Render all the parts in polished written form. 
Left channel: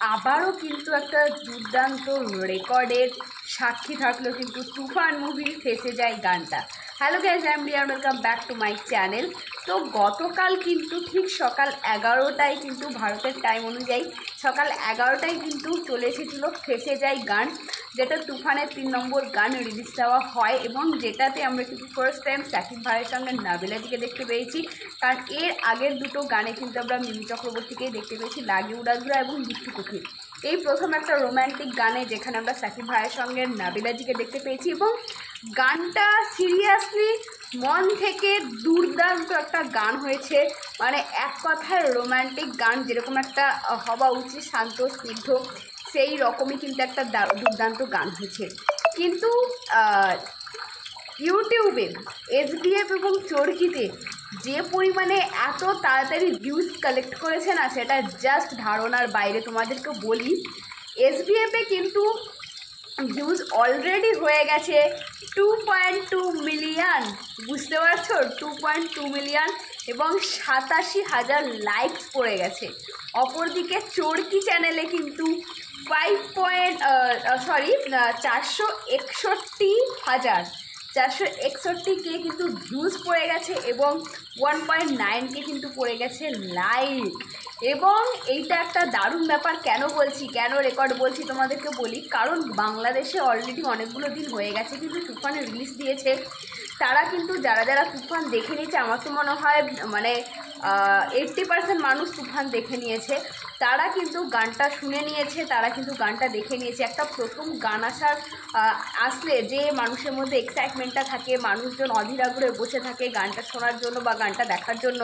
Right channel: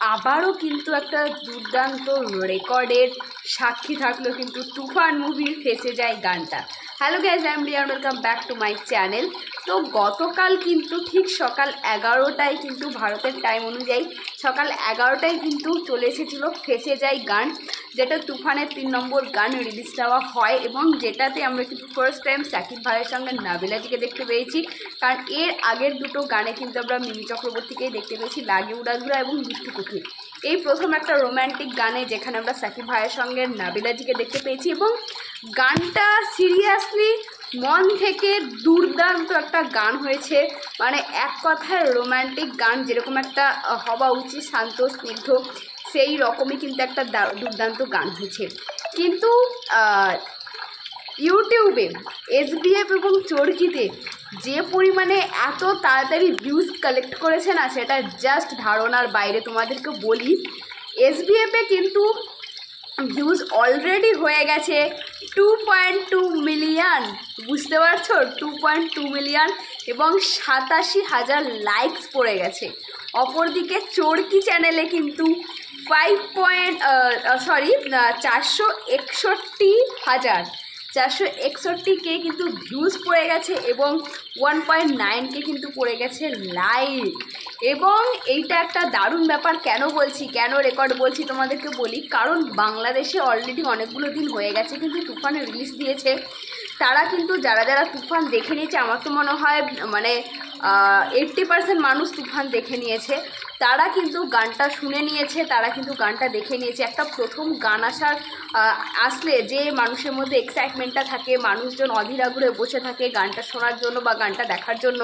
আবারও কিন্তু একটা দুর্দান্ত রেকর্ডের সাক্ষী থাকলো কিন্তু তুফান মুভির ফেসে যায় গানটা। Hello guys, I am Riya, welcome back to my channel. তো গতকাল কিন্তু ঠিক সকাল 11টায় কিন্তু ভারতের টাইম অনুযায়ী সকাল 11টায় কিন্তু চলে এসেছিলো ফেসে যায় গান, যেটা তুফানের 3 নম্বর গান রিলিজ দেওয়া হয় এবং যেটাতে আমরা কিন্তু ফার্স্ট টাইম সাকিব ভাইয়ের সঙ্গে নাবিলাজিকে দেখতে পেয়েছি। কারণ এর আগের দুটো গানে কিন্তু আমরা মিমি চক্রবর্তীকেই দেখতে পেয়েছি, লাগি উড়াধুরা এবং বিট্টু কুকি। এই প্রথম একটা রোম্যান্টিক গানে যেখানে আমরা সাকিব ভাইয়ের সঙ্গে নাবিলাজিকে দেখতে পেয়েছি এবং গানটা সিরিয়াসলি মন থেকে দুর্দান্ত একটা গান হয়েছে। মানে এক কথায় রোম্যান্টিক গান যেরকম একটা হওয়া উচিত, শান্ত স্নিগ্ধ, সেই রকমই কিন্তু একটা দুর্দান্ত গান হয়েছে। কিন্তু ইউটিউবে এসবিএফ এবং চরকিতে যে পরিমাণে এত তাড়াতাড়ি ভিউজ কালেক্ট করেছে না, সেটা জাস্ট ধারণার বাইরে। তোমাদেরকে বলি, এসবিএফে কিন্তু ভিউজ অলরেডি হয়ে গেছে 2.2 মিলিয়ন, বুঝতে পারছো? 2.2 মিলিয়ন এবং 87,000 লাইকস পড়ে গেছে। অপরদিকে চরকি চ্যানেলে কিন্তু 461,000 কিন্তু ভিউজ পড়ে গেছে এবং 1.9K কিন্তু পড়ে গেছে লাইক। এবং এইটা একটা দারুণ ব্যাপার। কেন বলছি, কেন রেকর্ড বলছি তোমাদেরকে বলি, কারণ বাংলাদেশে অলরেডি অনেকগুলো দিন হয়ে গেছে কিন্তু তুফান রিলিজ দিয়েছে। তারা কিন্তু যারা যারা তুফান দেখে নিয়েছে, আমার তো মনে হয় মানে 80% মানুষ তুফান দেখে নিয়েছে। তারা কিন্তু গানটা শুনে নিয়েছে, তারা কিন্তু গানটা দেখে নিয়েছে। একটা প্রথম গান আসলে যে মানুষের মধ্যে এক্সাইটমেন্টটা থাকে, মানুষজন অধীর আগ্রহে বসে থাকে গানটা শোনার জন্য বা গানটা দেখার জন্য,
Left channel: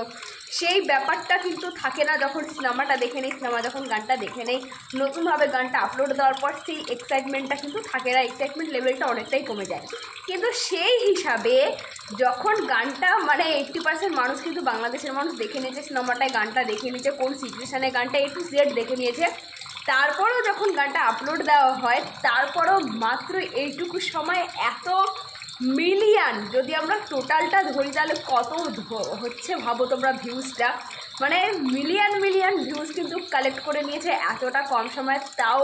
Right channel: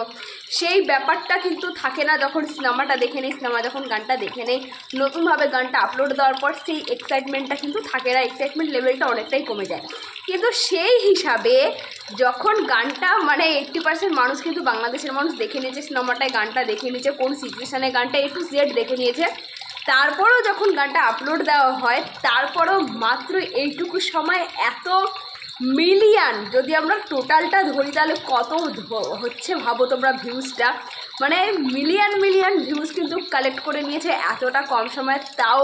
সেই ব্যাপারটা কিন্তু থাকে না যখন সিনেমাটা দেখে নেই। সিনেমা যখন গানটা দেখে নেই, নতুনভাবে গানটা আপলোড দেওয়ার পর সেই এক্সাইটমেন্টটা কিন্তু থাকে না, এক্সাইটমেন্ট লেভেলটা অনেকটাই কমে যায়। কিন্তু সেই হিসাবে যখন গানটা মানে 80% মানুষ কিন্তু বাংলাদেশের মানুষ দেখে নিয়েছে, সিনেমাটায় গানটা দেখে নিয়েছে, কোন সিচুয়েশানে গানটা A to Z দেখে নিয়েছে, তারপরেও যখন গানটা আপলোড দেওয়া হয়, তারপরেও মাত্র এইটুকু সময় এত মিলিয়ন, যদি আমরা টোটালটা ধরি তাহলে কত হচ্ছে ভাবো তোমরা ভিউজটা। মানে মিলিয়ন ভিউজ কিন্তু কালেক্ট করে নিয়েছে এতটা কম সময়, তাও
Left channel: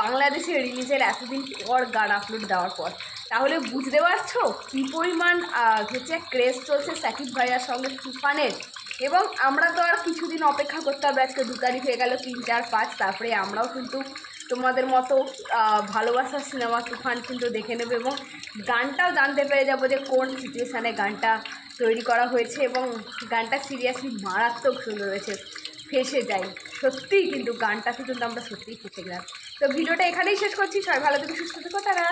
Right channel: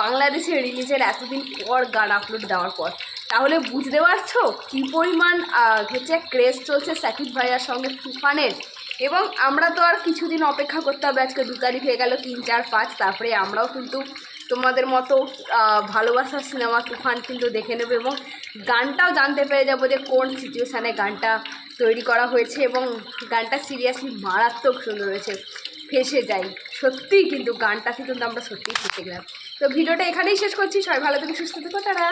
বাংলাদেশে রিলিজের এতদিন পর গান আপলোড দেওয়ার পর। তাহলে বুঝতে পারছো কী পরিমাণ হচ্ছে ক্রেজ চলছে সাকিব ভাইয়ার সঙ্গে তুফানের। এবং আমরা তো আর কিছুদিন অপেক্ষা করতে হবে, আজকে 2 তারিখ হয়ে গেল, 3, 4, 5, তারপরে আমরাও কিন্তু তোমাদের মতো ভালোবাসার সিনেমা তুফান কিন্তু দেখে নেব এবং গানটাও জানতে পেরে যাবো যে কোন সিচুয়েশানে গানটা তৈরি করা হয়েছে। এবং গানটা সিরিয়াসলি মারাত্মক সুন্দর হয়েছে, ফেসে যাই। সত্যিই কিন্তু গানটা কিন্তু আমরা সত্যিই শিখে গেলাম। তো ভিডিওটা এখানেই শেষ করছি। সবাই ভালো থেকে সুস্থ থেকো, তারা।